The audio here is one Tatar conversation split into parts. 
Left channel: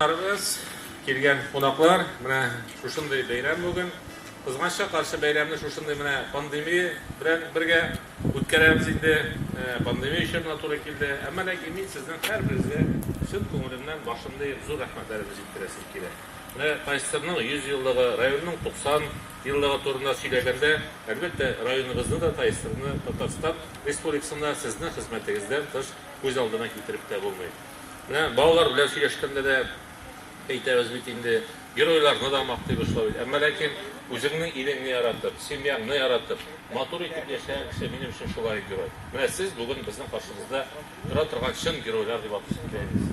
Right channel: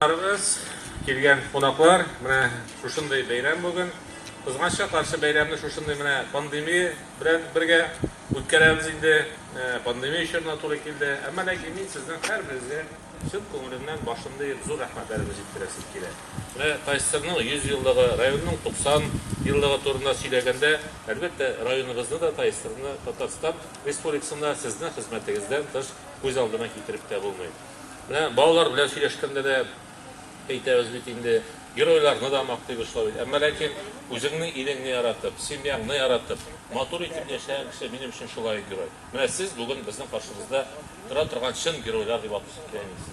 Arımız kelgen qonaqlar, mana şuşunday bayram bo'lgan. Qizg'ancha qarshi bayramni şuşunday mana pandemiya bilan birga o'tkazamiz endi. Pandemiya ishlarga to'g'ri keldi. Ammo lekin men sizdan har biringizga chin ko'nglimdan boshimda zo'r rahmatlarimizni yetkazib kerak. Mana Taysirning 100 yilligi, rayonning 90 yilligi to'g'risida so'ylaganda, albatta rayonimizni da Taysirni Tatariston Respublikasida sizning xizmatingizdan tish ko'z oldina keltirib de bo'lmaydi. Mana bolalar bilan so'ylashganda da Endi giroylarni da maqtay boshlaydi. Ammo lekin o'zingning ilingni yaratib, semyangni yaratib, motor etib yashagan kishi mening uchun shulay giroy. Mana siz bugun bizning qarshimizda tura turgan chin giroylar deb aytamiz.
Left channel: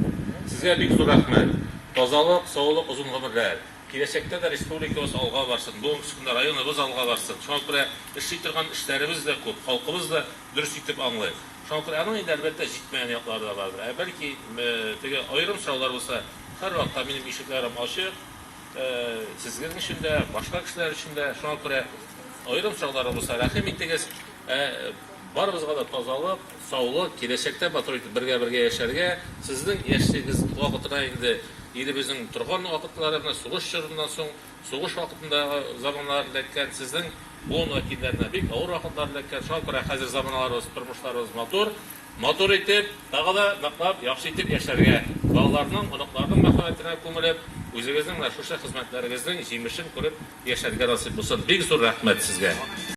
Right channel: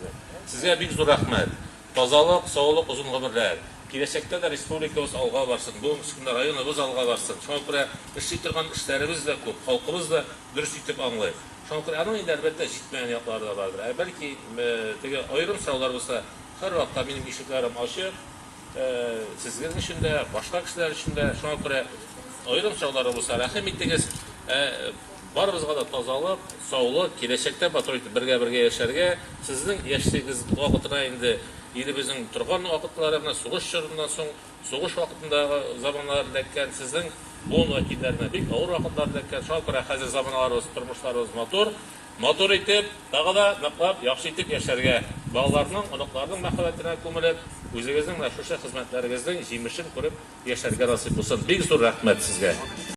Sizga bek zo'r rahmat. Tozalik, sog'lik, uzun umrlar. Kelajakda da respublikamiz olg'a borsin, bu ustunda rayonimiz olg'a borsin. Shunga ishli turgan ishlarimiz da ko'p, xalqimiz da durust etib anglaydi. Shunga aning albatta yetmagan yoqlari da bordir. Balki tega ayrim savollar bo'lsa, her vaqtda benim eshiklerim açık. Sizin işinde, başka kişiler işinde şuna göre ayrım çağları olsa rahim ettiniz. Barımızga da tozalık, sağlık, gelecekte birge yaşarga. Sizin yaşadığınız vakitine indi elimizin turgan vakitlerine, soğuş çağrından soň, soğuş vakitinde zamanlardayken sizin bu vakitlerine bir ağır vakitlerindeyken şuna göre hazır zamanlarımız, turmuşlarımız motor etip, daha da naqlab, yaxşı etip yaşarga. Ballarının, ınıqlarının mahvetine kömülüp, özünüzün ve şuşa hizmetlerimizden jemishini ko'rib yaşarga nasip olsun. Bek zo'r rahmat sizga.